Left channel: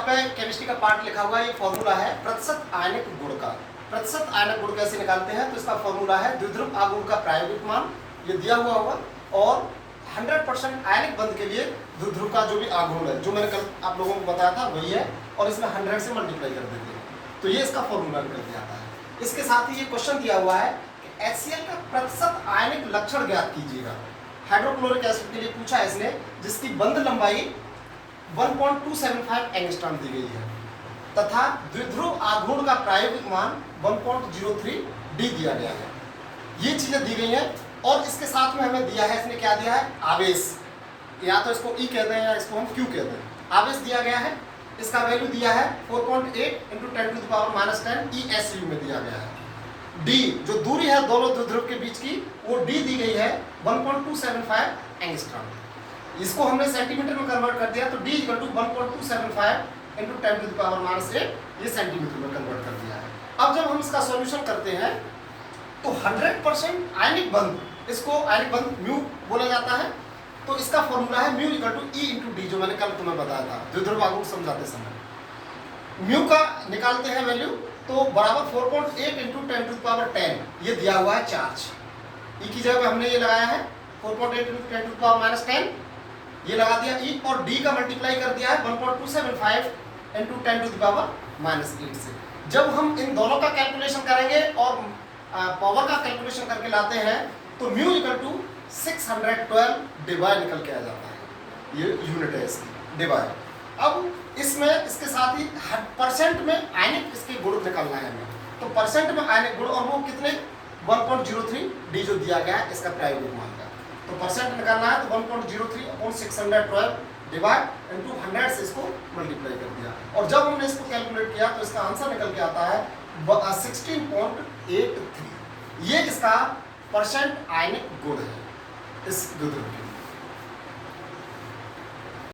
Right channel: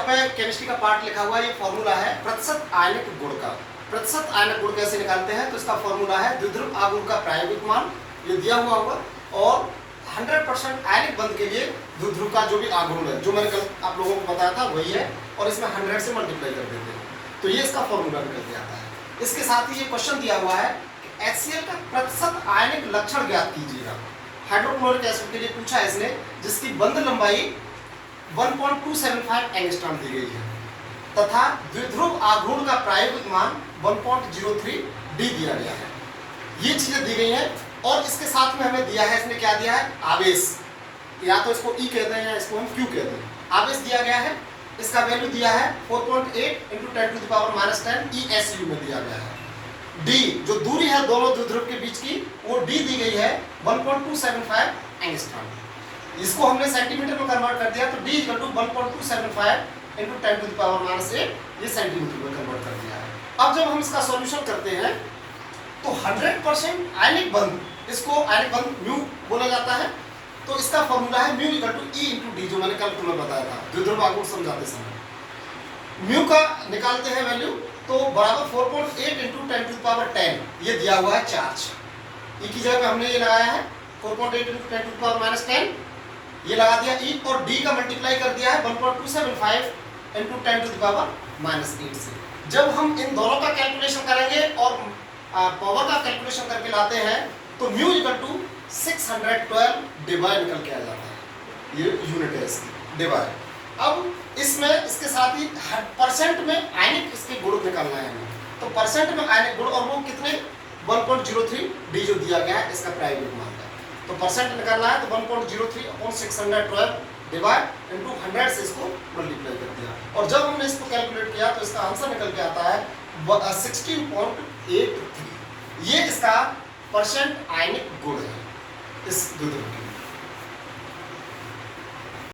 यहाँ पे केमिस्ट्री का पार्ट लिखा हुआ है, ये फॉर्मूला है प्रतिशत आयनिक गुण का। प्रतिशत आयनिक गुण कैसे निकालते हैं, तो इसका फॉर्मूला है द्विध्रुव आघूर्ण का प्रायोगिक मान, ये दिया हुआ होगा, और 100% आयनिक बंध के लिए द्विध्रुव का जो भी आघूर्ण है, जो मैंने कल आप लोगों को बताया था वही है, और इसमें 100 से मल्टीप्लाई कर देते हैं, तो ये इसका फॉर्मूला निकल के आता है। इसके साथ ही ये क्वेश्चन दिया हुआ है कि HCl का प्रतिशत आयनिक लक्षण ज्ञात कीजिएगा। हाइड्रोक्लोरिक एसिड के लिए पूछा है इसने, जिसकी बंध लंबाई 1.275 एंगस्ट्रॉम दी गई है तथा द्विध्रुव आघूर्ण का प्रायोगिक मान 1.03 डी दिया गया है। ये चीजें दी गई हैं, और इसके साथ में हमें दिया है, इसने क्या दिया है, आवेश, या तो इसको E कहते हैं या इसको हम Q कहते हैं। आवेश दिया गया है, इसका वैल्यू दिया है 4.8 × 10⁻⁻10 ESU में दिया गया है। D जो दूरी है दोनों द्विध्रुव के बीच की, वो D दी गई है 1.275 एंगस्ट्रॉम। इसको हमने सेंटीमीटर में कन्वर्ट कर दिया, तो D = 1.275 × 10⁻⁸ ये सेंटीमीटर में कन्वर्ट कर दिया है। अब जब हम इसका सॉल्यूशन करते हैं तो 100% आयनिक बंध, इसको आयनिक बंध म्यू बोला जाता है, तो इसका फॉर्मूला है μ = E × D, जो मैंने कल तुम्हें बताया था द्विध्रुव आघूर्ण समझाते समय। म्यू का निकालते हैं वैल्यू, तो बराबर 4.8 × 10⁻10 ये दिया हुआ है चार्ज। E की जगह पे हमने ये लगाया है 4.8 × 10⁻10, ये लगा दिया E, और D का मल्टीप्लाई कर दिया है 1.275 × 10⁻8 से। जब हम इन दोनों का कैलकुलेशन करेंगे और पावर का कैलकुलेशन करके लाते हैं, तो μ = 612 डिवाइड निकल के आ जाता है, ये यूनिट है इसकी, डिवाइड। अब इसमें इसके साथ ही परसेंट में आयनिक इसके गुण निकलना है हमें, तो परसेंट में आयनिक गुण, और वो कितने, 1.03 डी जो दिया गया है इसका प्रायोगिक मान है, तो परसेंट निकालना है, तो 1.03/612 डिवाइड इनटू 100 से इसको मल्टीप्लाई कर दिया, और जब हमने इसको कैलकुलेट किया तो इसका आंसर निकल के आता है 16.83। ये इसका परसेंट आयनिक गुण है इस द्विध्रुव के लिए।